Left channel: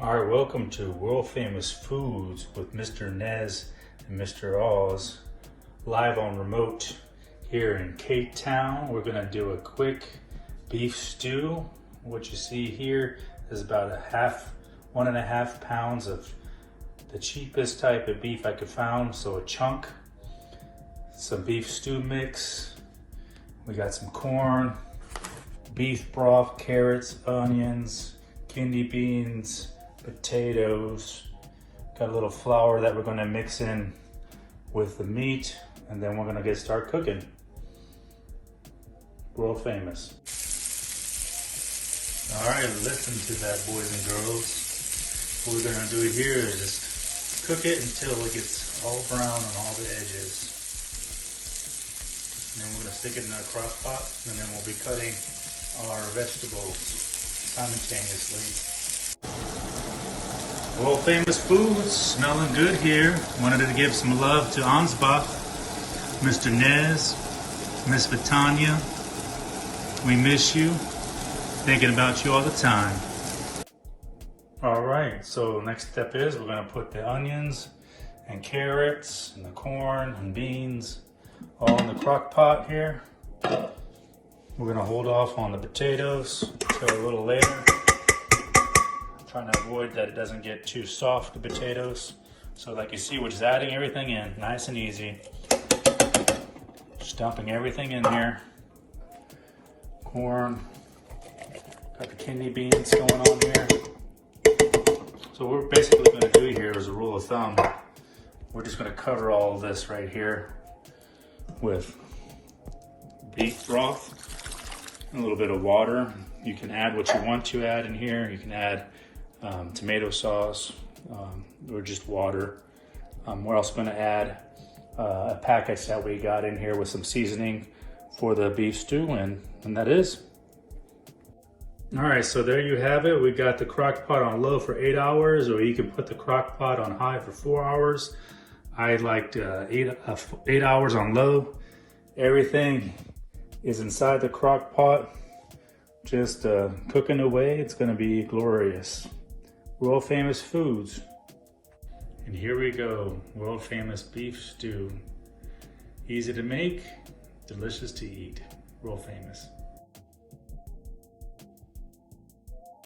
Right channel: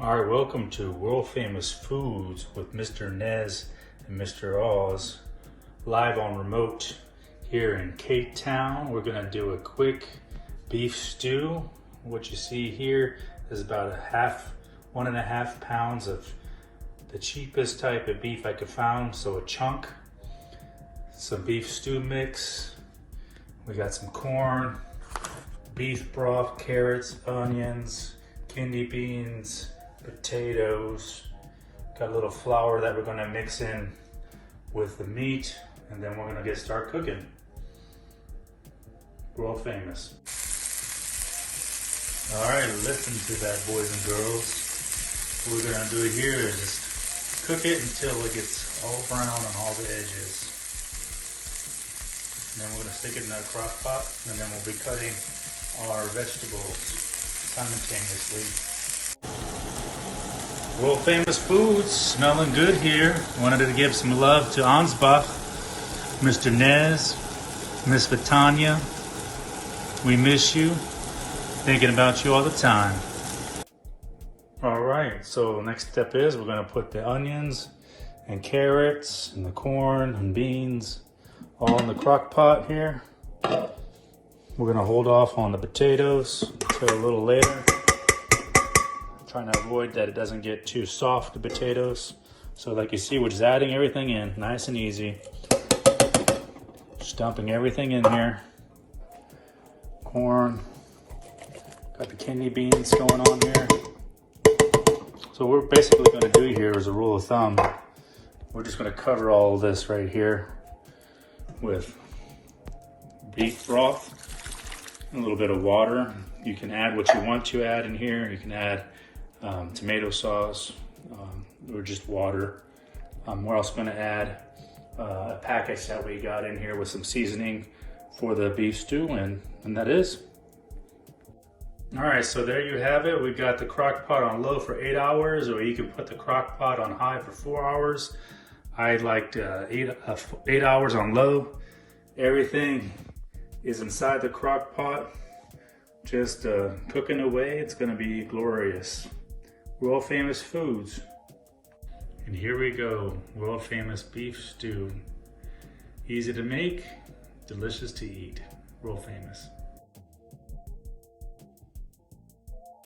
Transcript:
All right, welcome to World Famous Foods with Mr. Nez and Mr. Oz, live on remote here in Cape Town. We're gonna do a quick beef stew. What you see here is about 1.5 pounds of the cheapest type of beef I could find, so a chunk, some beef stew mix. We got some corn, beef broth, carrots, onions, kidney beans, potatoes. Got a little flour that we're gonna mix in with the meat, and then we're gonna start cooking. World famous. All right, listen to that, boys and girls. What we're gonna do here is just cook it until it gets all brown on all the edges. And then we're gonna stick it in our crock pot, and then we'll be cutting our vegetables simultaneously. World famous foods, smelling good here. Wanted to give some love to Ansbach, Mr. Nez, Miss Vitania. We miss you. Thinking about you all the time. All right, so next step is we're gonna put the onions and carrots and the corn and beans all in the crock pot here. We're gonna hold off on the potatoes until a little later. Trying to avoid that it doesn't get too soft, the potatoes. So like you see, we're just adding everything in, nice and easy. Just dumping everything in here. Corn, got the kidney beans going on here. So what we're basically gonna do here is a rule of thumb. We're just gonna cover all of this right here with beef broth, a little bit of water. You can add what you want to add in here. You can add tomato sauce or just water. We're also going to add a package that we got in here with some seasoning for the beef stew, and that is. All right, so there you have it. We got the crock pot on low for 8 hours, or you can put the crock pot on high for 4 hours. I liked 8 hours on low. Everything is inside the crock pot, just cooking away. It's gonna be glorious. World famous foods. And here we go, world famous beef stew. Easy to make, delicious to eat. World famous.